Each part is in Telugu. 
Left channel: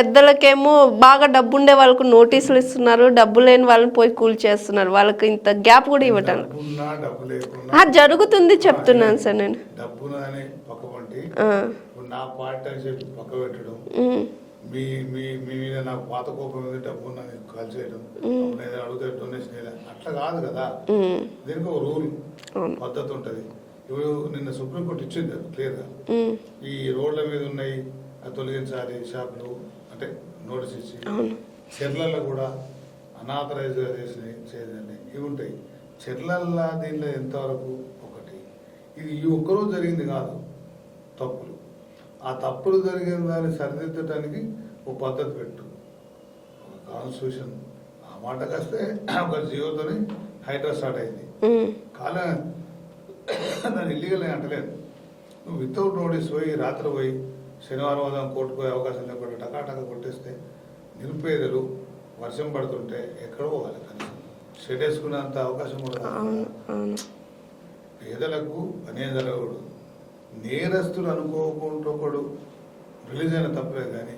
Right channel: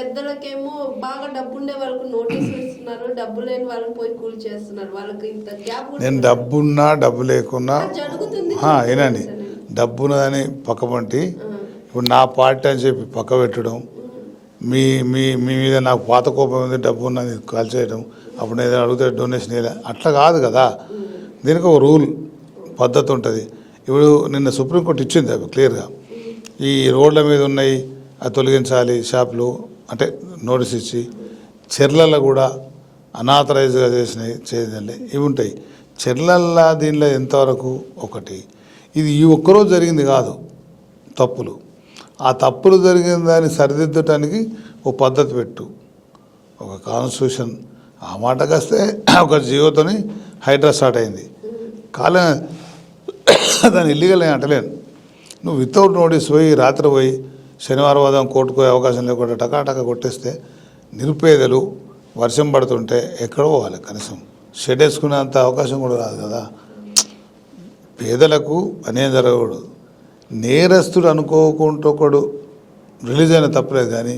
పెద్దలకేమో బాగా డబ్బు ఉండే వాళ్ళకు నోటీసులు ఇస్తున్నారు, డబ్బు లేని వాళ్ళని పోయి కూల్చేస్తున్నారు. వాళ్ళకి ఇంత గ్యాప్ కూడా నేను ఇవ్వడం డబ్బున్నా డబ్బు లేకున్నా జరుగుతుంది చెప్తున్నాను వినండి, సార్ నేను. డబ్బున్నదని పక్కపంటి ఇప్పుడు నా పార్టీ అని చెప్పి పక్క పెట్టడం, మీ మీ మీ మీద నాకు పాత కోపం ఉంది, డబ్బు ఉన్నది కాల్చేయడం, అప్పుడు నేను ఏదైనా అడిగితే డొనేషన్ ఇవ్వలే, అట్లా కాదు కదా. దీనికి ఒక రూల్ పద్ధతి ఉంటుంది. ఇప్పుడు నిన్న సుప్రీంకోర్టు ఇచ్చింది అవి క్లియర్గా, ఈ రోడ్ల మీద ఉన్నాయి అది తొలగించాలి షాపులు అంటే నోటీస్ ఇచ్చి, చెర్లలో కూడా అనాథరైజ్గా చేసినవి చేయాలి ఇవి ఉంటాయి. చెర్లల్లో దీనిలో ఎంతవరకు ఒకటి, ఇది ఈ ఒక్కరోజు జరిగింది కాదు తప్పులు, ఆ తప్పులు జరిగిన దాన్ని సరిదిద్దటానికి ఒక పద్ధతి పెట్టు, ఒక కాన్స్టిట్యూషన్. ఆ మాటకు వస్తే ఒక జీవోతోని హైడ్రా స్టార్ట్ అయింది, కాలే దాన్ని ఇల్లీగల్ అని అంటలేను. నువ్వు వితౌట్ నోటీస్ పోయి రాత్రి పోయి శనివారం ఉదయం కోర్టుకు పోయే అవకాశం లేకుండా టకాటక కొట్టేస్తే నిరుపేదలు వర్షం పడుతుంటే ఎక్కడ పోవాలి, కనీసం షెడ్ వేసుకునేంత అవకాశం కూడా రాదు కదా. పేదలకు అన్యాయం జరగకూడదు. నేరస్తుడు అనుకోకుండా ఒకడు రిలీజ్ అయిన తప్పలేదు, కానీ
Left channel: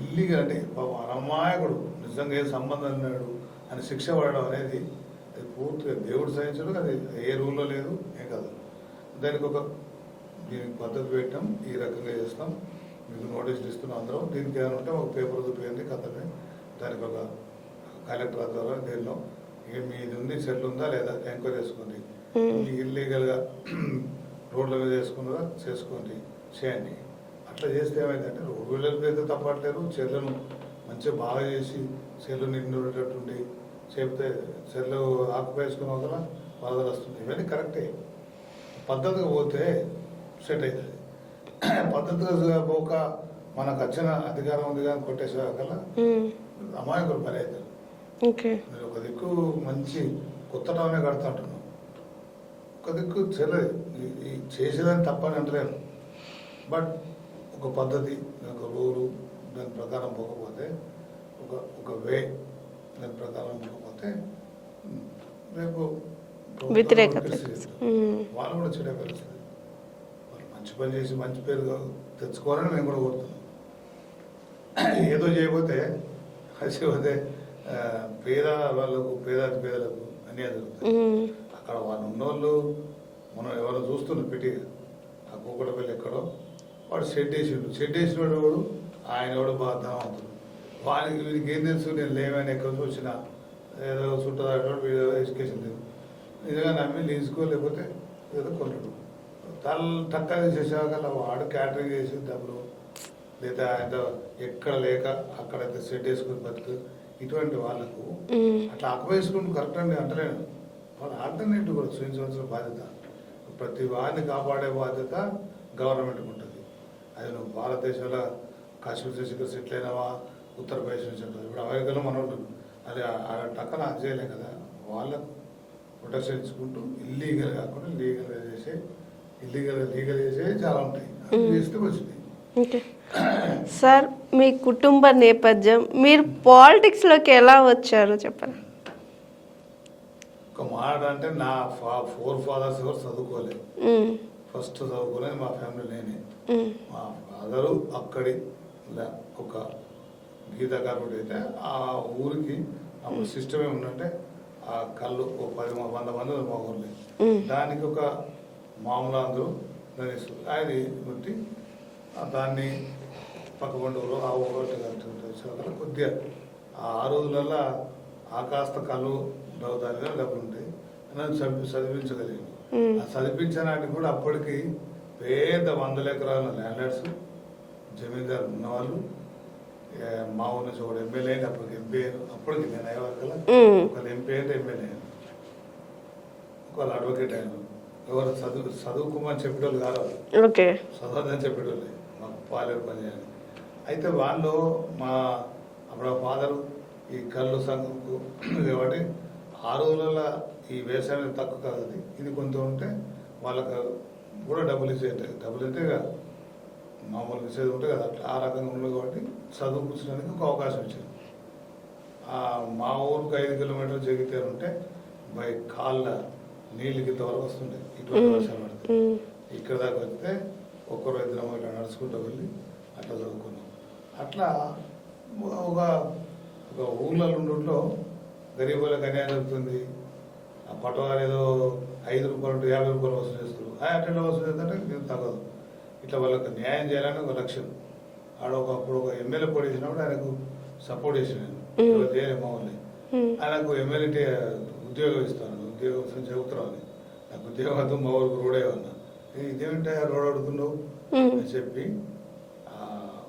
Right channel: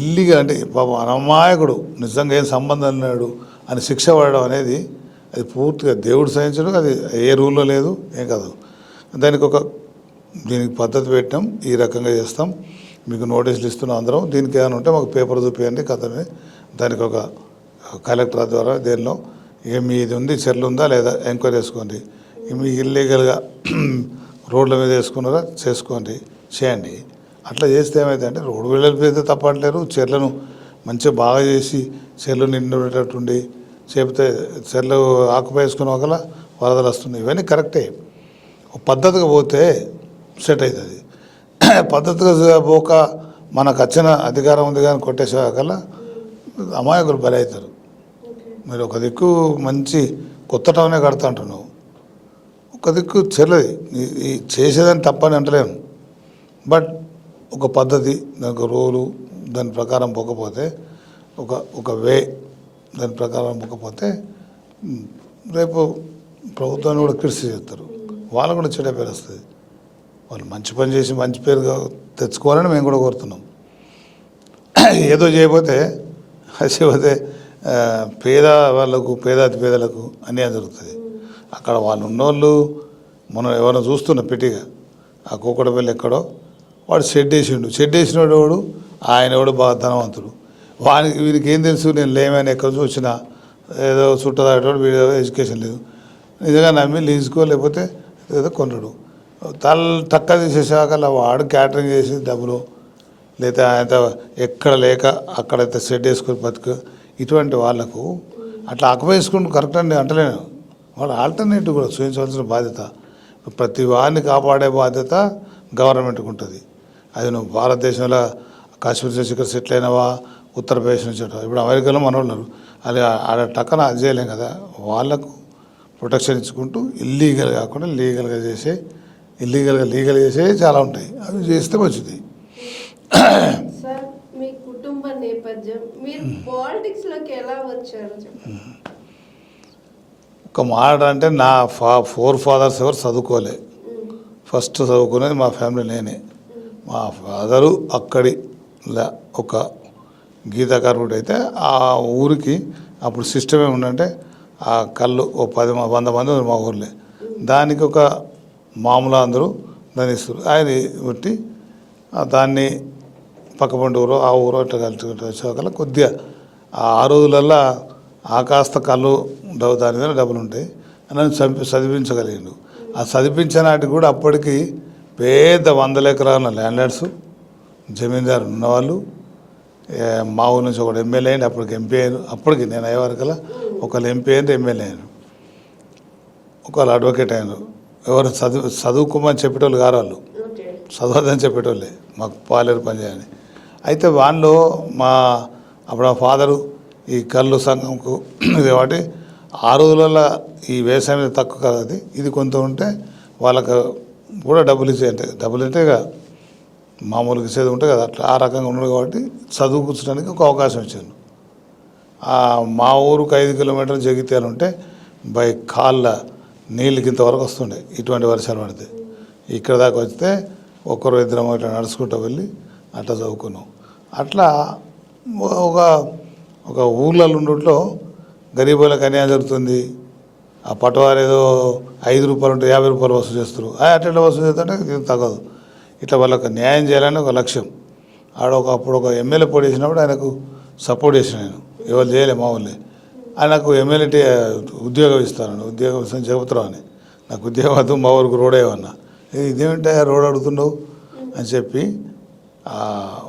ఇల్లీగల్ అంటే పాపం అమాయకుడు నిజంగా ఏం సంబంధం లేడు అని శిక్ష పడడం అనేది అది పూర్తిగా దేవుడు సహించడం, అది ఏ రూల్లో లేదు ఏం కాదు. దీనికి పద్ధతి పెట్టాం, ఈ రకంగా చేస్తాం, మీకు నోటీసులు ఇస్తున్నాం అందరం, దీనికి ఏమైనా ఉంటే మాకు పేపర్ చూపించండి కథని, దానికి ఒక కలెక్టర్ ద్వారా దేనిలో ఏమి ఇది ఉంది చెర్లు ఉందా లేదా ఎంక్వైరీ చేసుకోండి, మీ ఇల్లీగల్గా రోడ్ల మీద వేసుకున్నారా చేసుకోండి చేయండి. అట్లా చేస్తే ఏమైతే అంటే రోడ్డు వెళ్ళిపోతే తప్పట్లేరు, చెర్లను మంచిగా బాగా చేసి చెర్లు నిండేటట్టుండి చెప్తే చెర్లు ఆకుపై వేసుకున్న ఒకలా వరదలు వస్తుంది, ఇవన్నీ కరెక్టే. పద్ధతిగా పోతే సెట్ అవుతుంది. పద్ధతిగా పోక మనకు వచ్చిన అధికారం ఉంది కానీ కొట్టేసేకల్లా అమాయకులు బలి అవుతారు. మీరు ఒక దిక్కు మంచి కొత్త టౌనే కడతా అంటున్నావు, ఒక దిక్కు చెల్లది ఈ చేసేదని తప్పని అంటలేము, బట్ ఒక పద్ధతి దానికి రూలు దాని ప్రకారం పోకపోతే ఒక వే దాని ప్రకారం పోకపోతే రేపు ప్రభుత్వాన్ని కూడా క్రిటిసైజ్ చేస్తారు, వాళ్ళకు కూడా చెడ్డ పేరు వస్తుంది. వాళ్ళు మంచి పని చేసి మంచి పేరుగా తెచ్చుకోవాలని మేము కూడా కోరుతున్నాం. ఏదో చేయకపోతే పేద వాళ్ళకు పేదాతి పేదలకు అన్యాయం జరుగుతుంది. అక్కడ వాళ్ళు ఉన్నోళ్ళు మనం ఎవరైనా చూస్తున్నాం పెట్టిగా, ఆ కూకడపల్లి ఎక్కడో వాడు షెడ్ వేసిండు, షెడ్ వేసినోడు వాడు ఆయన ఎవడు బాగా ధనవంతుడు, వానికి వీరికి ఏం తెలుసు నేను లేమని ఎక్కడ చూసినా ఏదో చుట్టదాటోడు వీడు ఎడ్యుకేషన్ లేదు, నిజంగా నమ్మి లీజుకో లేకపోతే ఏదో కొన్నాడు, తక్క తీసేసాక వాడు క్యాటరింగ్ చేసి డబ్బులు లేదా ఆయన ఎక్కడ లేక అక్కడైతే షెడ్ వేసుకొని బతుకు, ఇటువంటి వాళ్ళకు అట్లా అకమేసుకుంటూ కరెక్ట్ అండి అంటలేను, వాళ్ళు ఆల్టర్నేటివ్ కూడా చూపించవలసిన బాధ్యత, ప్రతి వారిని కాపాడే బాధ్యత గవర్నమెంట్కి ఉంటుంది. అది నువ్వు భారతదేశంలో కాశ్మీర్ నుంచి ఇక్కడ సెటిల్ అయినవా, ఉత్తరప్రదేశ్ నుంచి ఇప్పుడు అమెరికాలో మనోళ్ళు అది ఆడ టక్కన అది చేయలేం కదా, వాళ్ళకు ప్రొటెక్షన్ ఇచ్చుకుంటూ ఇల్లీగల్ కాకుండా లీగల్గా చేసే చాలా ఉంటాయి, అవి చేస్తే మంచిది. సార్ మీ కుటుంబ నేపథ్యం, మీరు పాలిటిక్స్లోకి ఎలా వచ్చారో చెప్పండి. ఒక మాట అంటే నా 4 ఫాదర్స్ ఎవరు చదువుకోలే, ఫస్ట్ చదువుకునేది మా ఫ్యామిలీ నేనే. మా ఫాదరు అక్కడి ఒక గీతా కార్మికుడు అయితే ఆ ఊరికి అప్పుడు సిస్టమ్ ఏముందంటే ఆ కళ్ళు ఓ 100 మంది మా ఊర్లే, దానికి ఒక మామూలు అందరూ దాన్ని ఇస్తారు, ఆయన పెట్టి దాన్ని పక్కపండి ఊరు ఆ ఊరు అట్లా కలిసి కొద్దిగా ఆ రోజులల్లో ఆ కాస్త కళ్ళు దాని మీద డబ్బులు ఉంటాయి అని చదివించగలిగాడు. ఆ చదివించే నాటికి కూడా అప్పటికి పెద్ద 100 ఎకరాల ల్యాండ్లార్డ్స్ జమీందారు ఉన్నవాళ్ళు, మా ఊరి నుంచి ఒకటి ఎమ్మెల్యే అయింది, అప్పటికి ఎంపీ అయ్యారు, అప్పటికి నేను అయ్యే వరకల్లా ఒకళ్ళు ఎంపీ అయింది, ఎమ్మెల్యే అయ్యారు, ఒకళ్ళు అడ్వకేట్ అయినారు. ఎవరు చదువుకోమని చెప్పేటోళ్ళు గారు, వాళ్ళు చదవద్దని చెప్పేటోళ్ళే, మాకు పాలేరు పని చేయాలని. అయితే వాళ్ళు అప్పుడు ఆ ఫాదరు ఈ కళ్ళు సంఘంకు ఇది కాబట్టి ఆ రోజులలో ఈ వ్యవసాయం మీద తక్కువ కదా, ఇది కొంత ఉంటే వాళ్ళకు కూడా డబ్బులు ఇచ్చేయంటే డబ్బులు అంటే ఇక మామూలుగా ఇచ్చేది ఉంటుంది కదా, అట్లా ఆ రకంగా ఉండదు కాబట్టి చదువుకుంచడానికి ఒక అవకాశం ఇచ్చాను. మా ఊరుకు 5 కిలోమీటర్లు జగిత్యాలు ఉంటే బై కాళ్ళ నీళ్ళకి ఇంతవరకు వస్తుండే ఇటువంటి వర్షాలు పడితే, ఇక్కడ దాకా వస్తే 1-2 ఇట్లా నడుచుకుంటూ వెళ్ళి అట్లా చదువుకున్నాం. అట్లా ఒక ఒక ఊర్లలో ఉండట్లో గరీబులకు అన్యాయం జరుగుతుంది. ఆ పటవారు ఏదో 5 రూపాయలు ఉంటే 50 రూపాయలు వసూలు చేస్తారు. అట్లా వసూలు చేస్తుంటే ఇది తగ్గదు. ఇట్లా వాళ్ళకి న్యాయం చేయాలని ఒక లక్ష్యం. అప్పుడు ఒక ఎమ్మెల్యే పోటీ చేసినప్పుడు ఆయనకు సపోర్ట్ చేసిన నేను. ఎవరు చేయలే మా ఊళ్ళే. ఆయనకు ఎమ్మెల్యే ఉద్యోగం ఇస్తాను, ఉద్యోగం ఇస్తాను చెబుతున్నావు అని. నాకు ఉద్యోగం వద్దు, మా ఊరికి రోడ్ ఏమన్నా. ఇదేమిటా రోడ్ అడుగుతున్నావు అని చెప్పి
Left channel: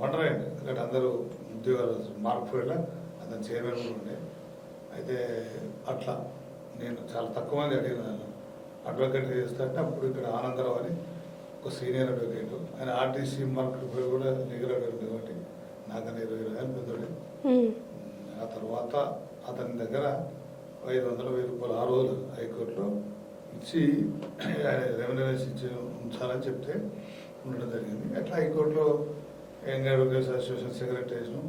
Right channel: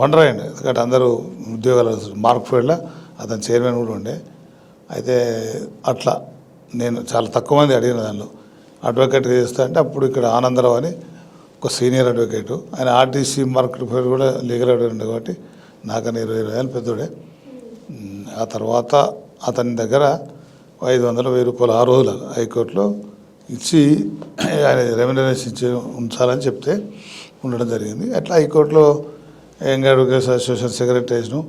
వండర్ అయ్యండి. ఎందుకంటే అందరూ ఉద్యోగాలు మార్క్ ఫీల్డ్లో అతను చైర్మన్ కూడా ఉండే. అయితే అట్లా నేను చాలా తక్కువ మంది అడిగిన దానిలో అడ్వకేట్గా చేస్తా అంటే అప్పుడు ఇక్కడ ఆనందరావు అని ఒక సీనియర్ అడ్వకేటు, ఆయన ఆర్టీసీ మార్కెట్ ఫీల్డ్ కూడా లీగల్ అడ్వకేట్ కాబట్టి నాకన్నా 20 ఏళ్ళు పెద్దోడే. ఆ తర్వాత అతని దగ్గర 500-1000 రూపాయలు ఆ రోజులు హైకోర్టులో ఇచ్చి ఆయన రెమ్యునరేషన్ ఇచ్చి ఉంచాలని చెప్తే ఉండడం జరిగింది. అట్లా హైకోర్టులో యంగ్ అడ్వకేట్స్ అసోసియేషన్ సెక్రటరీస్ను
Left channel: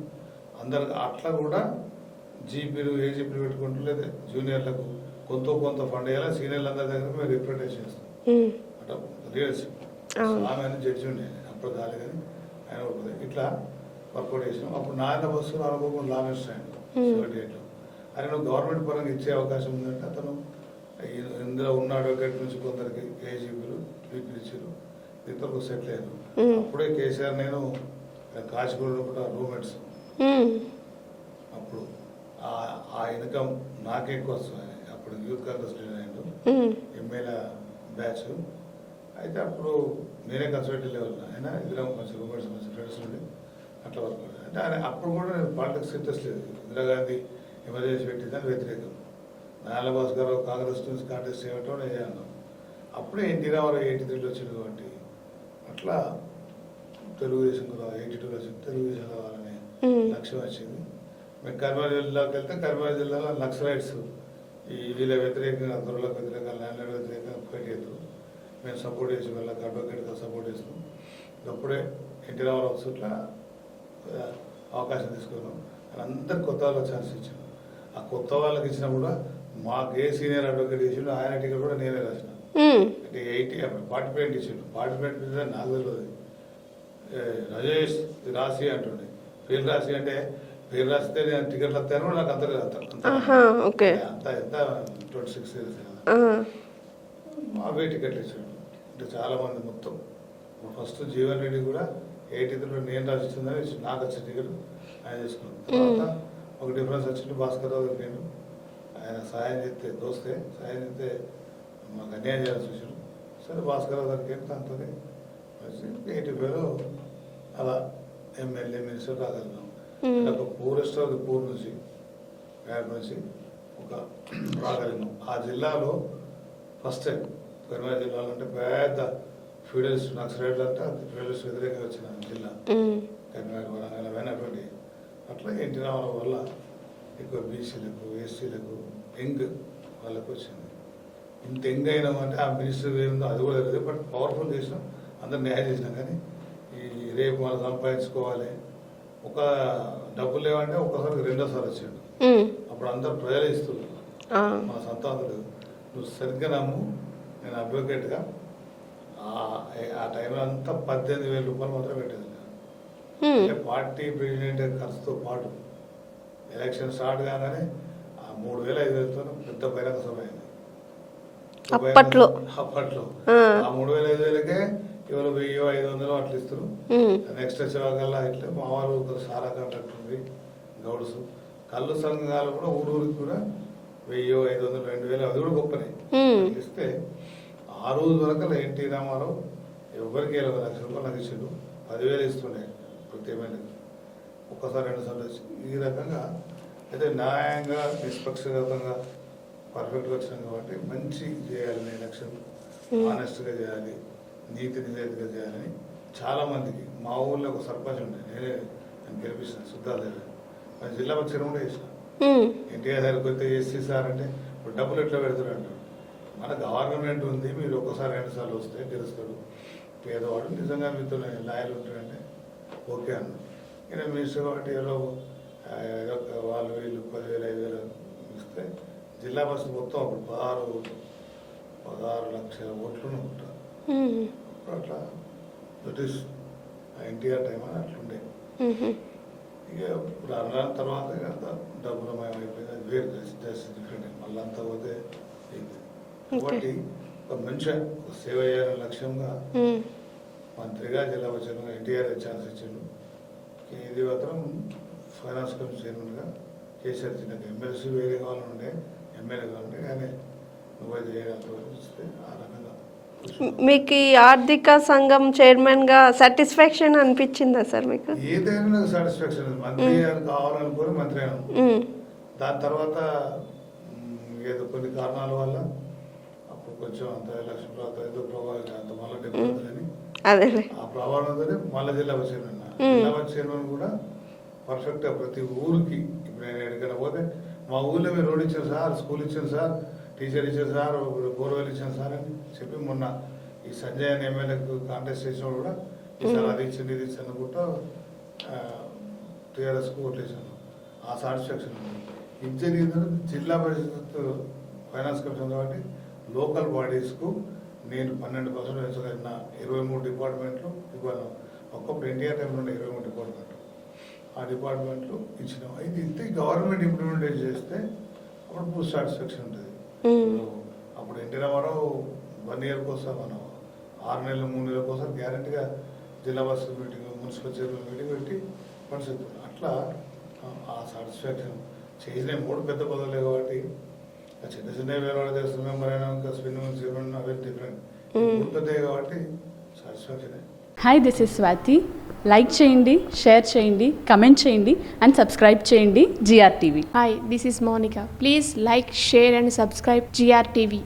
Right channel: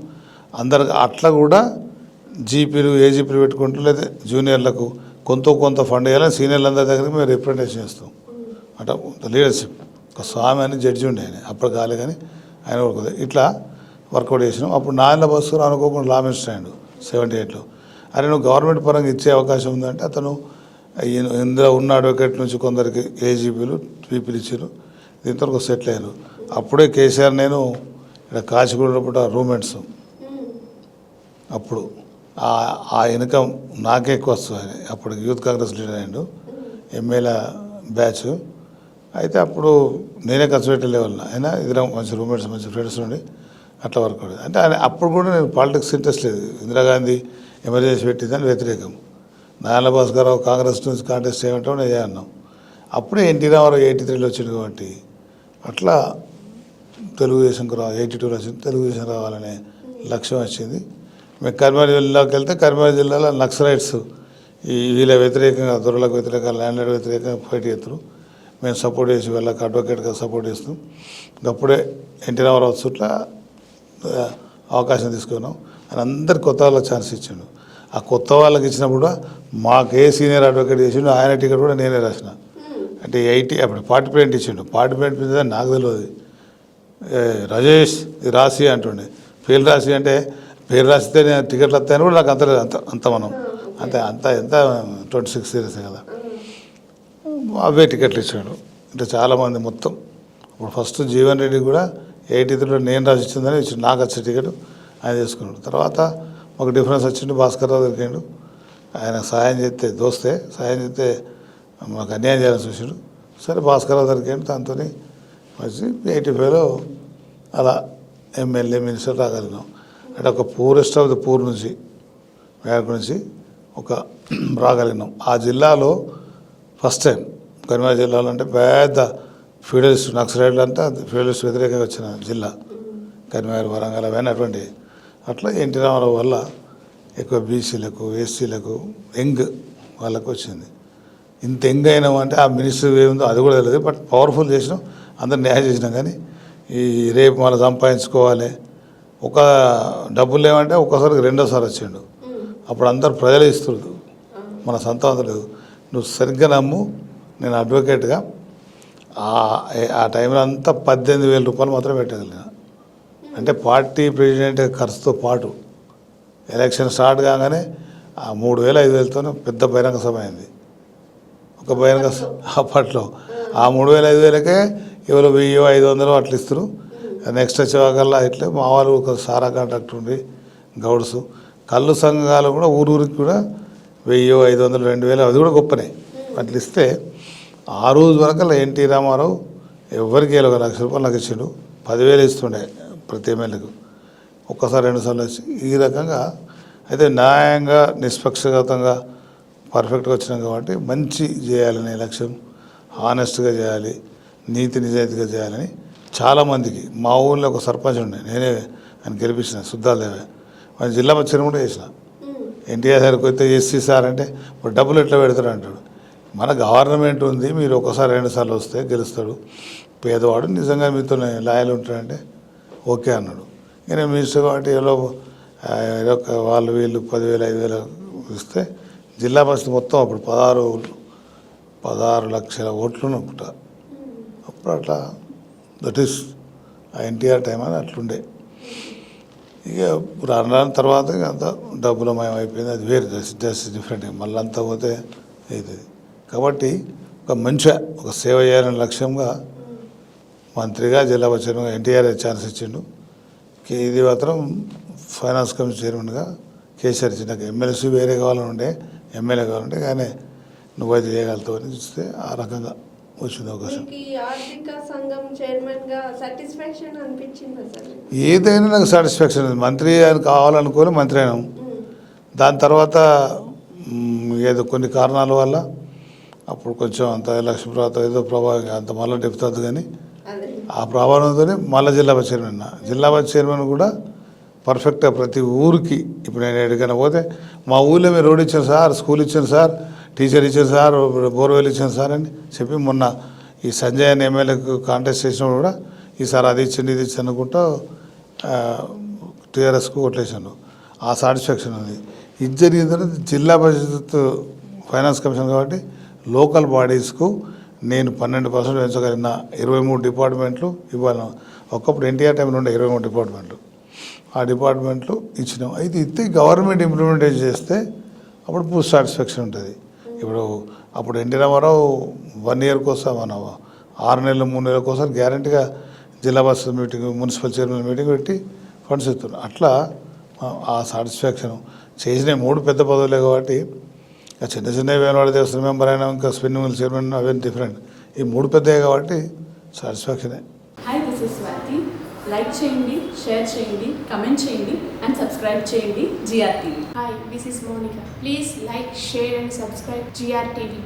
అందరికి అట్లా కూడా జీపీలు ఏజీపీలు పెట్టుకుంటూ లేదా జూనియర్లకు కొంత ఫండ్ వేయాలని సీనియర్లందరి దగ్గర మేము రిప్రజెంటేషన్ చేస్తాం. అంటే లీడర్షిప్ స్వామి అని జడ్జి ఉండే ఆయన, అప్పుడు కాలే కానీ ఆయన కూడా ఇట్లా వర్కౌట్ చేసినాం. అప్పుడు నాయన బస్సు అనుకోకుండా లా మినిస్టర్ అయ్యాడు 78లో. అరే నువ్వు గవర్నమెంట్ పరంగా ఇచ్చే అవకాశం ఉందంటే అతను ఇందులో ఉన్న అడ్వకేట్ నుంచి కొందరికి ఏజీపీలు పీపీలు ఇచ్చారు. దీంతో ఒక సెటిల్ అయ్యారు. అప్పుడే కేసీఆర్ నేను ఇక్కడ కాచిగూడ రూమ్మేట్స్. అప్పుడు ఆ ఇన్కమ్ నాకే ఎక్కువ వస్తుంది. ఆయన అప్పుడు యూత్ కాంగ్రెస్ లీడర్ అయ్యాడు, ఎమ్మెల్యే బ్యాచ్. అయితే అప్పుడు నేనే ఖర్చు పెట్టే లెవెల్ అయినా ఇద్దరం మంచి రూమ్మేట్స్, మంచి ఫ్రెండ్స్ నుండి అట్లా వర్క్ అవుతుంది. అంటే ఆయన అప్పుడు కూడా నేను పాలిటిక్స్ ఇంట్రెస్ట్ లేదు. ఇందిరాగాంధీ ఎమర్జెన్సీ పెట్టిందని వ్యతిరేకం. నారాయణ భాస్కరరావు కాంగ్రెస్ నుంచి కాంటెస్ట్ చేయమంటే నేను అన్నాం. అప్పుడే ఎన్టీ రామారావు 83లో వచ్చింది కాబట్టి అట్లా తెలుగుదేశంకు 82లో వచ్చింది. తెలుగుదేశం రావాలనే లక్ష్యం వచ్చింది. మేము కరీంనగర్ జిల్లాకి వెళ్తే కరీంనగర్ జిల్లాలో నక్సలైట్స్ వీళ్ళ వ్యతిరేకంగా, దొరలకు వ్యతిరేకంగా, ల్యాండ్ వ్యతిరేకంగా ఫైట్ చేస్తారు. మేము సపోర్ట్ చేసి వీళ్ళకి అడ్వకేట్గా సపోర్ట్ చేస్తాం. అప్పుడే ఎన్టీ రామారావు చుట్ల అవకాశం తీసుకున్నాం. ఆయన అందరికి కొత్త వాళ్ళకి ఛాన్స్ ఇచ్చిండు. ఆ కొత్త వాళ్ళకి ఇచ్చినప్పుడు కూడా మాకు సీనియర్ అడ్వకేట్ చేసిండు, ఆయన టికెట్ కూడా నేనే రాసిన. అంటే 80 అప్పుడు పార్టిసిపేట్ ఇచ్చిండు. పార్టిసిపేట్ నాకు తెలియదు. రాజేష్ ఇది రాసి అంటుండే, పేరు రాసి అంటే పేరు రాసితే నేను టికెట్లు వస్తాయని కూడా నాకు అంత మనం ఎంత 26 ఇయర్స్ కదా, అవే టికెట్లు ఇచ్చాడు. అంటే చాలామంది మొత్తం ఇప్పుడు ఫస్ట్ జీవన్ రెడ్డి కూడా 83లో నేను రాసి ఇచ్చిందని ఇచ్చిండు. నాకు వచ్చే టికెట్ ఆయన తీసుకున్నాడు. తర్వాత ఒక డిఫరెన్స్ వచ్చిండు, భాస్కర్రావు దొరికిండు. ఆయన సాయం చేస్తే మాకు అన్యాయం చేయాలని చూసాడు. సరే భాస్కర్రావు దొరికిండు, దాంతో వచ్చి 85లో అలా ఎమ్మెల్యే మినిస్టర్ రాగలిగినాం. అంటే ఒక పూరెస్ట్ ఆఫ్ ది పూర్ నుంచి బ్యాక్ నుంచి ఒక రాగలిగినాం. ఆ జిల్లాలో ఫస్ట్ టైం కరీంనగర్ జిల్లాలో అంటే పెద్ద ఫ్యూడలిస్ట్ నక్సలైట్లు అంటే ఫ్యూడలిస్ట్ వ్యతిరేకంగా వచ్చిన జిల్లా కరీంనగర్, వరంగల్ అవన్నీ అటువంటి. అట్లా ఎన్టీ రామారావు వల్ల ఎక్కువ బీసీలకు, ఎస్సీలకు, యంగ్ వాళ్ళకు వచ్చింది. ఇంత యంగ్ అయినామంటే ఆ మినిస్టర్ ఏముందో అది కూడా తెలియదు. బట్ పవర్ఫుల్ చేసినాం, అందరు న్యాయం చేసినాం. కానీ ఈ రేపు మనం సంపాదించుకోవాలి, ఒక డబ్బులు లేవంటే ఒక్కసారికి రెండోసారి వచ్చిండు. అప్పుడు అందరు ప్రజలు ఇస్తున్నారు, మన సొంతం లేదు. నువ్వు సరిగ్గా నమ్ము, నేను అడ్వకేట్గా ఆ టైంలో అంతా 18,000 రూపాయలు మాత్రమే పెట్టగలిగిన. అంటే పార్టీ ప్రెసిడెంట్ ఖర్చుతో పాటు ఎలక్షన్ స్టార్ట్ కాగానే ఆ 3,000-5,000తో పెద్ద బహిరంగ సభ అయింది. ఒక బహిరంగ అప్పట్లో ఆ 3,000-5,000కే ఎవరు 1,000-500 అట్లా ఇస్తారు. నెక్స్ట్ వచ్చేవాకల్లా ఇట్లా మా వాళ్ళు ఒక సారా కాంట్రాక్టర్ ఉండి గౌడ్స్, కళ్ళు సంఘాలు కూడా ఊరికి కూడా 1,000-500-2,000 అది కూడా గొప్పనే అట్లా ఇస్తే ఆ రోజు వరకు ఎన్టీ రామారావు ఎవరికి ₹1,00,000 నాకు ఇచ్చిండు. 10,000 ఇస్తుండే ప్రతి ఎమ్మెల్యేకు. ఒక్కసారి 2 సార్లు వచ్చి ఈ రకంగా. అయితే న్యాయంగా నిష్పక్షపాతంగా పర్ఫెక్ట్గా వచ్చినాం కాబట్టి మంచి చేయాలనే లక్ష్యం, ఆనెస్ట్గా చేయాలి, నీతి నిజాయితీగా చేయాలని చాలామందికి. మా ఊళ్ళో ఒక సర్పంచ్ ఉండే, నేనే ఆయన గెలిపించిన సుద్దాలదేవే. ఆయన జిల్లా మంత్రిని కూడా చేసిన. ఎన్టీఆర్ సార్కి వస్తే ఎస్సీ సార్ అంటే ఇప్పుడు డబ్బులు ఎట్లా పెడతాడు అంటాడు. మన గవర్నమెంట్ ఉంది, మీరు ఒకసారి 2 సార్లు వస్తే గెలుస్తాడు. పేదవాడు నిజంగా మీతో లాయల్ ఉంటాడంటే ఓకే అన్నాడు. నేను మినిస్టర్ కాబట్టి ఏదో వాళ్ళు వీళ్ళు 10,000-5,000 ఇస్తే జిల్లా పరిస్థితి మొత్తం అప్పుడు 16 లక్షల ఓట్లు అనుకుంటా. అప్పుడు అట్లా దట్ ఈస్ ఎన్టీఆర్ టైం అని అట్లుండే. ఇక రాను రాని తర్వాత ఇక అంతా డబ్బులమయం అయిపోయింది. అది వేరే జస్ట్ డిఫరెంట్. మళ్ళీ అంతా పోతే అవుతుంది. కాబట్టి ఒక మంచిగా ఒక సేవ చేయాలనే లక్ష్యంగా మంత్రిగా జిల్లా పరిషత్గా ఎన్టీఆర్ ఛాన్స్ ఇచ్చిండు. ఇది మాత్రం ఫైనాన్స్ కమిషన్ చైర్మన్గా కేసీఆర్ ఇచ్చిండు. నాకు ఎమ్మెల్సీ వేరే కావాలని ఉండే, ఎమ్మెల్యే కావాలంటే కానీ నువ్వైతే చేయగలుగుతావు అని చూస్తే ఆ రకంగా వచ్చిన మీకు ఈ ఆర్థిక సంఘం చైర్మన్గా సాటిస్ఫాక్షన్ అనిపించిందా సార్ మీకు? ఏదైనా నాకు సాటిస్ఫాక్షన్ ఉంది. మంత్రి అని కావాలనుకొని మంత్రి అయినాం. దాని తర్వాత ఏదో కొన్ని కారణాల వల్ల అప్పుడు కొంచెం అంత ఎలక్షన్ తర్వాత ఏదో ప్రభావం అంత మళ్ళీ డెప్తుంది. కానీ ఆ ప్రభావంతోనే మళ్ళీ జిల్లా పరిషత్ చైర్మన్. జిల్లా పరిషత్ చైర్మన్ కూడా పర్ఫెక్ట్గా ప్రతి ఊరికి ఇప్పుడు నేను ఎక్కడికైనా పోతే మా ఊళ్ళో మీరు రోడ్ ఇచ్చాను సార్, స్కూల్ ఇచ్చాను సార్, టీచర్ ఇచ్చాను సార్, బోర్వెల్ ఇచ్చాను సార్ అని చెప్పి మొన్న ఈ సంజయ్ అని ఎమ్మెల్యేకు కాంటెస్ట్ చేసినప్పుడు కూడా ఈసారి అది ఇచ్చింది ఇది ఇచ్చి అనుకుంటా టీఆర్ఎస్కు కొట్టేసాను. ఆ సాటిస్ఫాక్షన్ ఉంది. ఇది జరిగిన తర్వాత జిల్లా పరిషత్ ఫైనాన్స్ కమిషన్ కాబట్టి లోకల్ బాడీస్కు నేను 12% పెంచగలిగిన 23 డిపార్ట్మెంట్లు ఇవ్వాలి. ఒకప్పుడు ఎన్టీఆర్ టైంలో ఉండే 23 డిపార్ట్మెంట్లు, ఆ డిపార్ట్మెంట్లు ఇచ్చినాం. అయితే ఇస్తే గవర్నమెంట్ ఇంప్లిమెంటేషన్ చేస్తే అప్పుడు పూర్తి సాటిస్ఫాక్షన్ ఉంటుంది. ఇప్పుడు అప్పుడు ఎన్టీ రామారావు 1 ఇయర్కి వస్తాం మన 6 నెలలు 3 నెలలకు ఒకసారి గ్యారంటీగా జిల్లా పరిషత్ మీటింగ్, మున్సిపల్ చైర్మన్ మీటింగ్ పెట్టి ఫండ్స్ ఇస్తున్నారు. అట్లా ఆ సాటిస్ఫాక్షన్ చేసిన 3 పెద్ద పదవులే కాబట్టి చిన్న చిన్నవి వేలవాడ దేవస్థానం మెంబర్ అయినా ఇంకా స్పిన్నింగ్ మిల్ చైర్మన్ అవేం డిఫరెంట్. ఈ 3 పెద్దవి కాబట్టి సాటిస్ఫాక్షనే. Hi, this is Swathi. Like చేయండి, షేర్ చేయండి, కమెంట్ చేయండి అండ్ సబ్స్క్రైబ్ చేయండి GRTV. Hi, this is Monica. Please like, share and subscribe GRTV.